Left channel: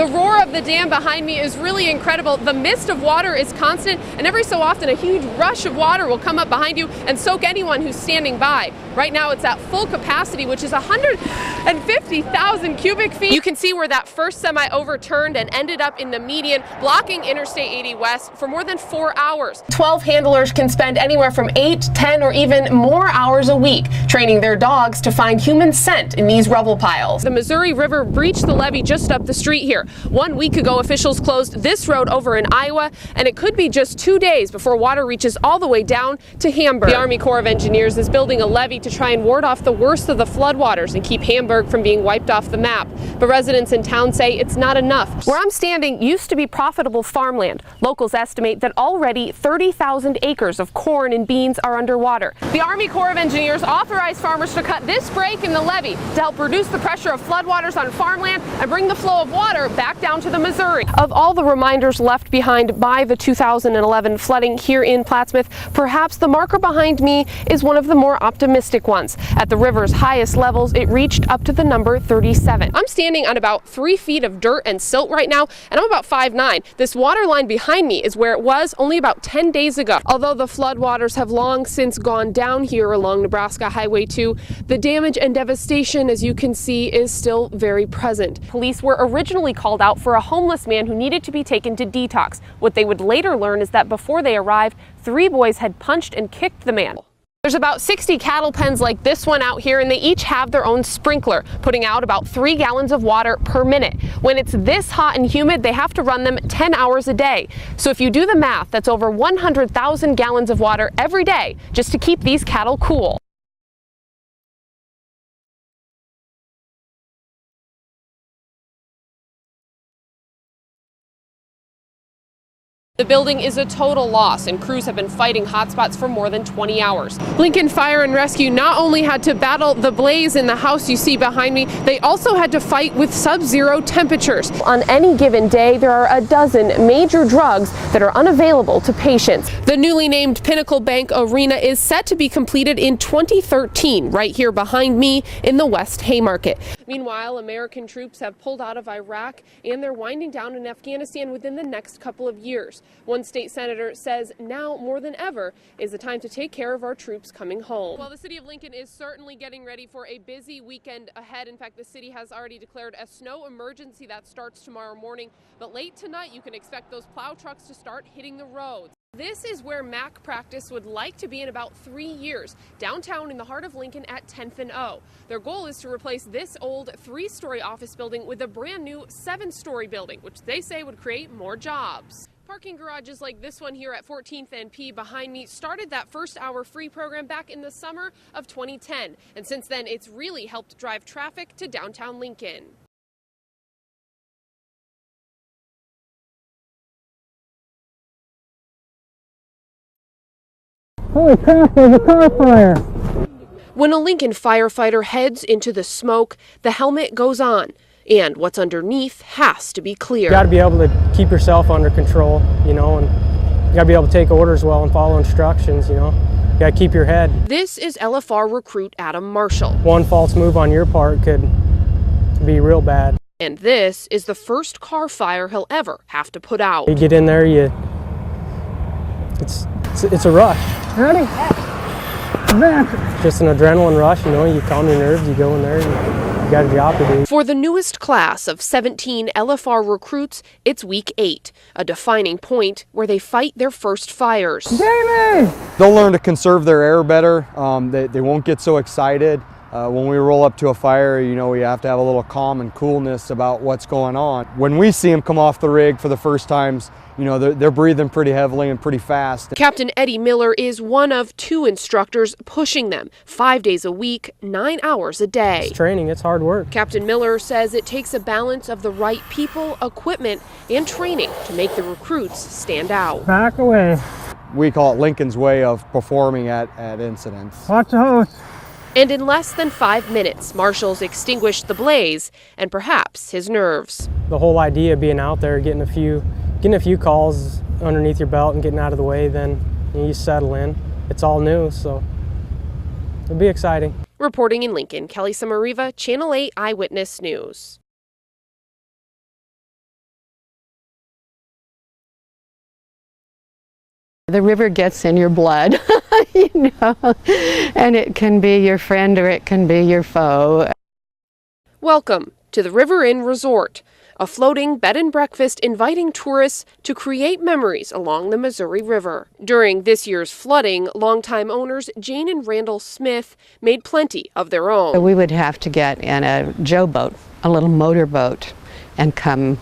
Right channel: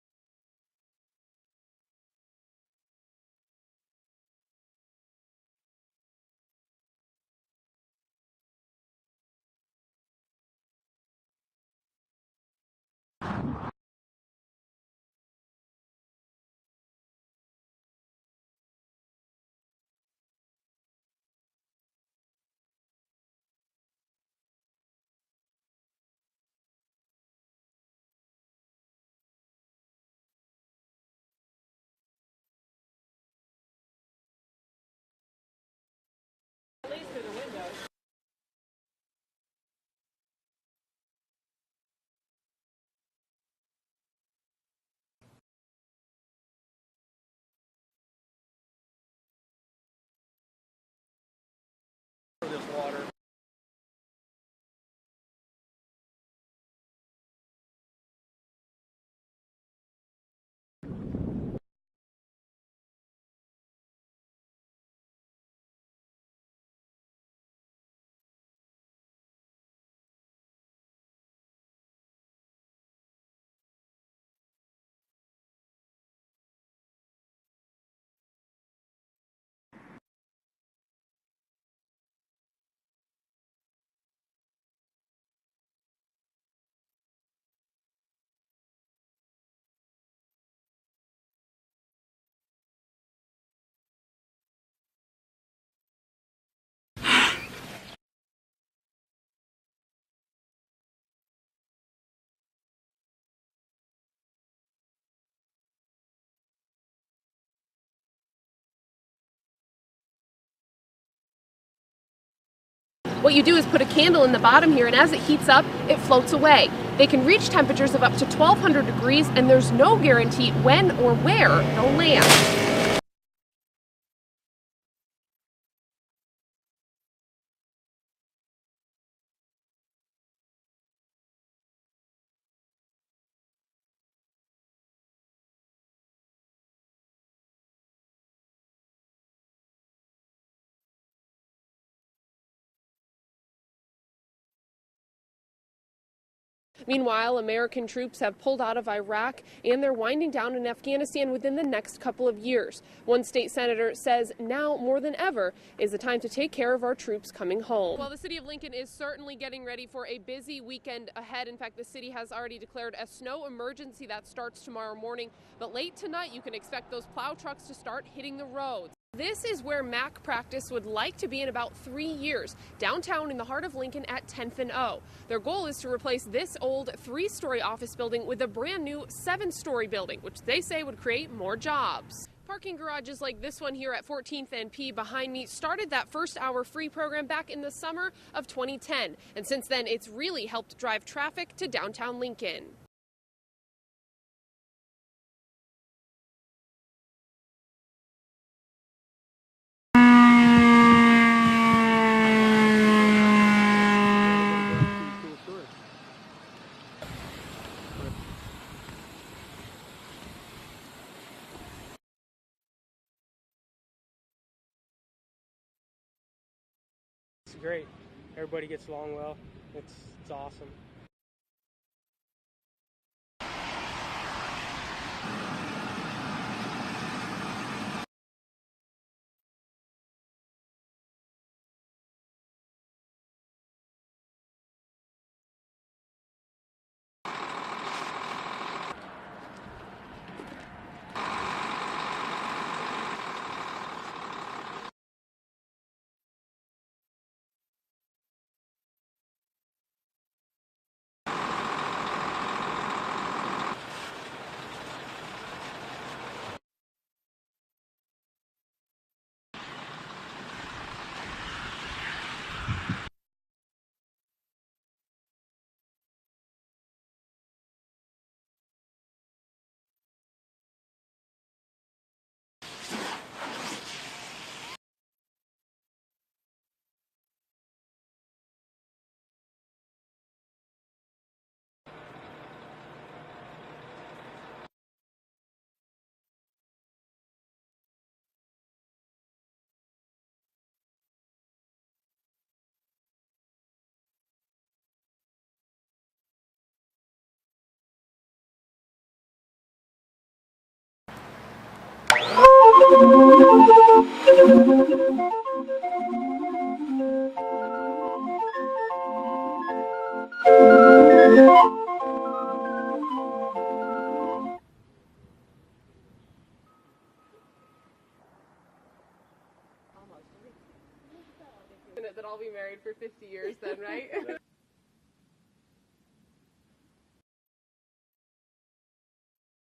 The roar of the dam behind me is really incredible. The mist of water is constant, and every so often a huge rush of water will come up behind you and soak anyone who's standing by. Right now it's at full capacity, which is 150,000 cubic feet. You can see where that first semi overturned and ended up in the median, blocking Interstate 80 West for more than 4 hours. 12 handlers can spend anywhere from 8, 10, or even more hours a week training their dogs to find human scent in these rubble piles. The Missouri River breached the levee just up the street here. 1 week ago, officials closed this road over in Iowa, and it could be just 2 days before water reaches all the way down to Hamburg. The Army Corps of Engineers is building a levee to try and ward off the worst of the floodwaters and keep Hamburg from being wiped off the map. But residents in town say it's not enough. Where I'm standing used to be profitable farmland. Locals estimate that already 30,000 acres of corn and beans are underwater. The Army Corps of Engineers authorized farmers to cut this break in the levee to help reduce the pressure of floodwaters on farmland and bring the flow of water back down to the Missouri. Of all the reminders left behind by the 2011 flooding here in Plattsmouth, perhaps the marker behind me is one of the more optimistic ones. At the river's highest levels, it reached up to the number 37. I'm standing on about 3 feet of dirt and silt right now, and I'm about 5'9". This water line behind me is where it was only about 10 days ago. Although the floodwaters have long since gone down here along Nebraska Highway 2, the damage and devastation, as you can see, is still very present. Police were originally called out for a homeless man who needed to be taken to detox. What they would later learn is that before they arrived, 3 boys had punched and kicked the man. There's about 60 cattle pens like this one out here, and they each have their own sprinkler, putting out about 3 gallons of water per minute. When it's this hot and humid, they have to run them 10 hours a day. So if you do the math, that's over 100,000 gallons of water every day just to keep these cattle cool. What you do is put a candle in the bottom here, and as it heats up, it floats away. They can reach temperatures of up to 1,200 degrees, and there's no guarantee when or where they'll land. The building is a total loss, and crews have been fighting hotspots for more than 20 hours. Lincoln Fire and Rescue not only had to battle the blaze in the house you see behind me, they also had to fight with sub-zero temperatures. On any given day, there are a dozen major drugs that are unavailable to patients. The newly named Pinnacle Bank Arena is set to be completed in 2013, right here behind me in the West Haymarket. Meanwhile, American troops have pulled out of Iraq, and they're winding down in Afghanistan within the next couple of years. One state senator says now more than ever is the time to take care of our troops coming home. Well, the city of Lincoln is certainly getting ready for a busy weekend ahead. In fact, the city has already declared a snow emergency that starts tomorrow morning. But late tonight, you can expect those plow trucks to start hitting the roads. This is where MAC practice would like to be in about 3 years, downtown in the heart of Lincoln at 10th and O. Their goal is to replace this old 3-story office building with a brand new 7-story building, which they say would create more jobs. Parking garages like this one here at 14th and P behind me started that first hour free program back in the summer of 2010. And since then, it's really helped drive traffic to downtown Lincoln. Holy crap, there's a car fire! When a Lincoln firefighter heads into the smoke, the helmet goes on. And what's underneath has to be clear. You got to be able to keep yourself under control, you know, and you got to be able to take orders well and follow instructions, you know. You got to keep your head. This is LFR recruit Adam Marshall. One false move on your part could be real bad. And this is the first car fire he'll ever have to put out. You get in there, it's a rush. Ready? Just an adrenaline rush, you know, you calm your nerves, you go in there, and you got a job to do. For the newest class of 17 LFR recruits, it's week 8, a defining point where they fight their first fires. Jamie! They'll learn to conserve their air better. They won't get so excited. When we roll up to a fire, you know, we have to have a little calm and coolness about what's going on. When we see them come off the rig for the first times, you know, they're breathing pretty heavily and pretty fast. Captain Eddie Miller is one of 2 instructors pushing them 5 days a week, 9 hours a day. It's training, it's hard work. Captain Miller says it takes a balance of the right people, equipment, and training to make the recruits stand out. Back away. We call it Lincoln's way of performing at incidents. Watch the hose. And in less than 5 minutes, marshals extinguished the blaze and perhaps his nerves. The whole idea of being out there, getting a few calls underneath your belt and getting out of the way, then you settle in. It's all new, so it'll be exciting. Reporting in Lincoln, Kelly Samariva, Channel 8 Eyewitness News. The river gets in your blood, you know, and it can be your friend or it can be your foe. Welcome to the River Inn Resort, a floating bed and breakfast inviting tourists to create memories along the Missouri River. During this year's flooding, longtime owners Jane and Randall Smith made plenty of their own. We would have to get in a Joe boat, a little motor boat, and come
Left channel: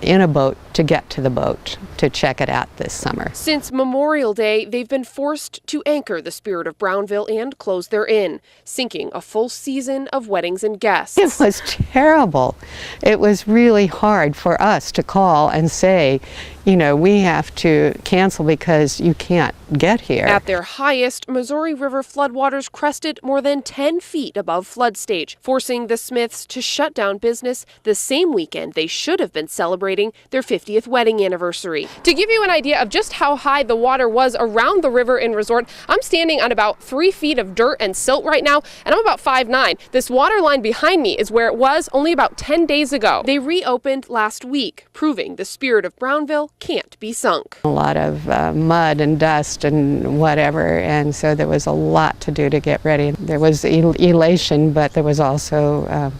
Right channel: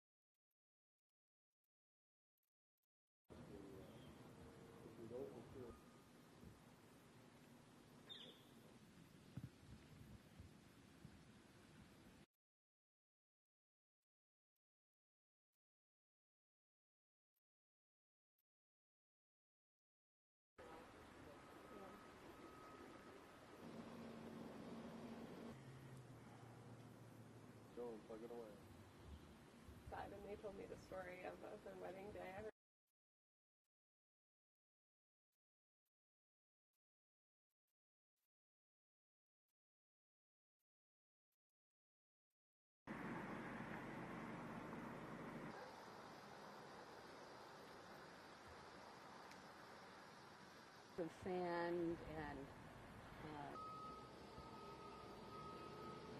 in a boat to get to the boat to check it out this summer. Since Memorial Day, they've been forced to anchor the Spirit of Brownville and close their inn, sinking a full season of weddings and guests. It was terrible. It was really hard for us to call and say, you know, we have to cancel because you can't get here. At their highest, Missouri River floodwaters crested more than 10 feet above flood stage, forcing the Smiths to shut down business the same weekend they should have been celebrating their 50th wedding anniversary. To give you an idea of just how high the water was around the River Inn Resort, I'm standing on about 3 feet of dirt and silt right now, and I'm about 5'9". This water line behind me is where it was only about 10 days ago. They reopened last week, proving the Spirit of Brownville can't be sunk. A lot of mud and dust and whatever, and so there was a lot to do to get ready. There was elation, but there was also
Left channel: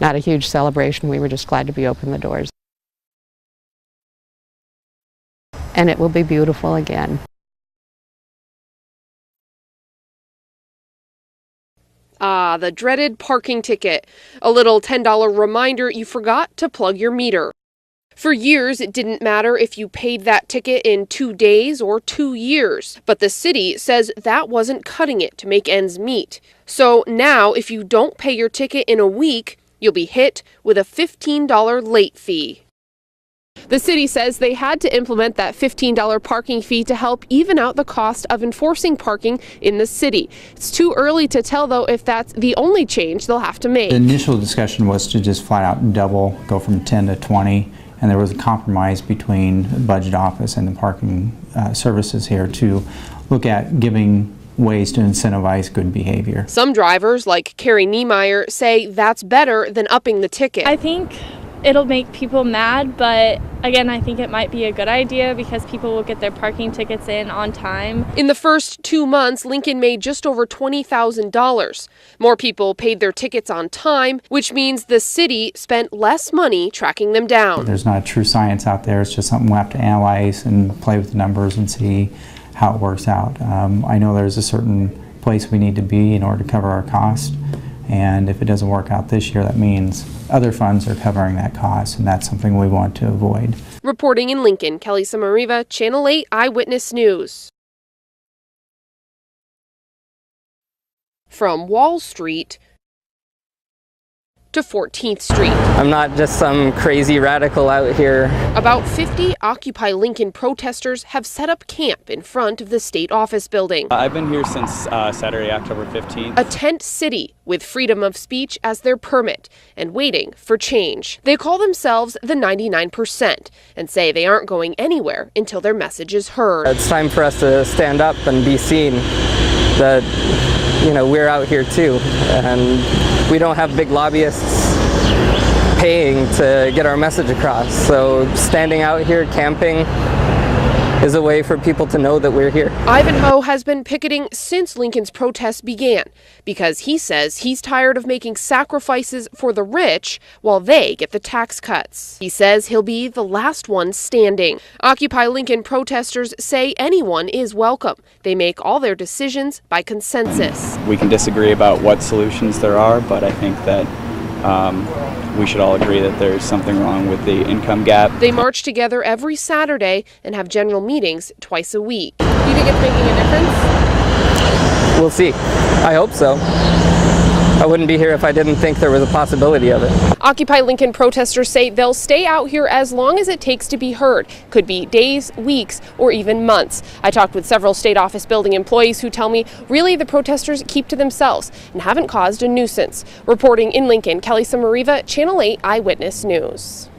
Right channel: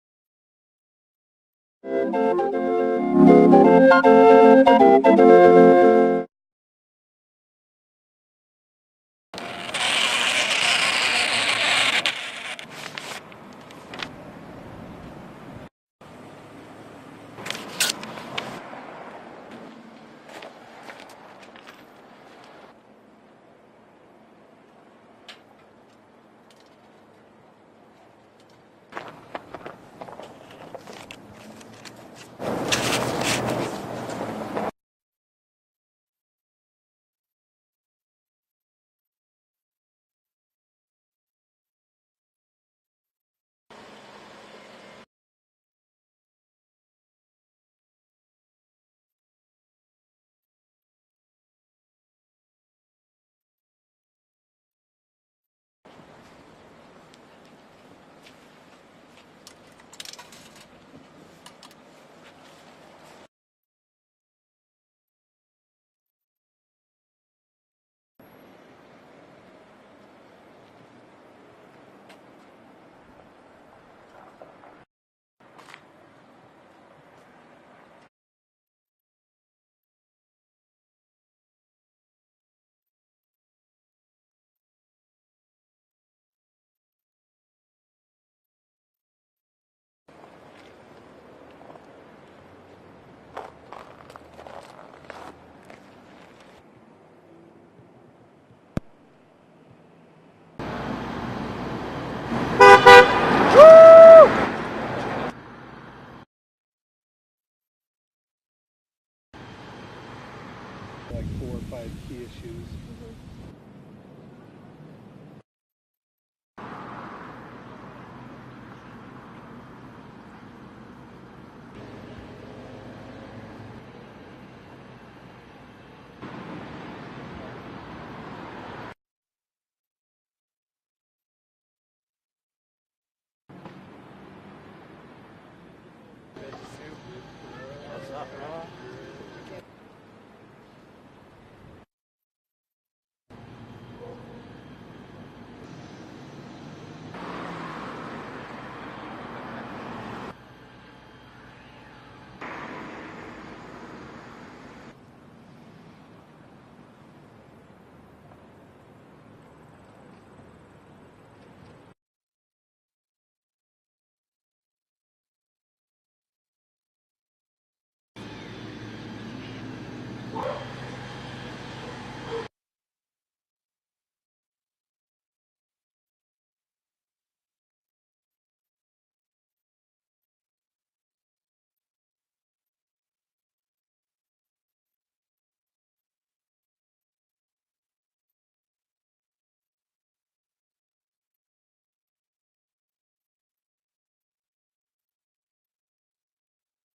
not a huge celebration. We were just glad to be open the doors. And it will be beautiful again. Ah, the dreaded parking ticket. A little $10 reminder you forgot to plug your meter. For years, it didn't matter if you paid that ticket in 2 days or 2 years, but the city says that wasn't cutting it to make ends meet. So now, if you don't pay your ticket in a week, you'll be hit with a $15 late fee. The city says they had to implement that $15 parking fee to help even out the cost of enforcing parking in the city. It's too early to tell, though, if that's the only change they'll have to make. The initial discussion was to just flat out double, go from 10 to 20, and there was a compromise between the budget office and the parking services here to look at giving ways to incentivize good behavior. Some drivers, like Carrie Niemeyer, say that's better than upping the ticket. I think it'll make people mad, but again, I think it might be a good idea because people will get their parking tickets in on time. In the first 2 months, Lincoln made just over $20,000. More people paid their tickets on time, which means the city spent less money tracking them down. There's not a true science out there. It's just something we'll have to analyze and play with the numbers and see how it works out. I know there's a certain place we need to be in order to cover our cost. And if it doesn't work out this year, that means other funds are covering that cost, and that's something we want to avoid. Reporting in Lincoln, Kelly Samariva, Channel 8 Eyewitness News. From Wall Street to 14th Street. I'm not just some crazy radical out here. About 50 Occupy Lincoln protesters have set up camp in front of the state office building. I've been here since Saturday, October 15th. A tent city with freedom of speech as their permit and waiting for change. They call themselves the 99% and say they aren't going anywhere until their message is heard. It's time for us to stand up and be seen that, you know, we're out here too, and we don't have big lobbyists paying to get our message across. So standing out here camping is a way for people to know that we're here. Ivanhoe has been picketing since Lincoln's protests began because he says he's tired of making sacrifices for the rich while they get the tax cuts. He says he'll be the last one standing. Occupy Lincoln protesters say anyone is welcome. They make all their decisions by consensus. We can disagree about what solutions there are, but I think that we should all agree that there's something wrong with the income gap. They march together every Saturday and have general meetings twice a week. Do you think it's making a difference? We'll see. I hope so. I wouldn't be here if I didn't think there was a possibility of it. Occupy Lincoln protesters say they'll stay out here as long as it takes to be heard. Could be days, weeks, or even months. I talked with several state office building employees who tell me really the protesters keep to themselves and haven't caused a nuisance. Reporting in Lincoln, Kelly Samariva, Channel 8 Eyewitness News.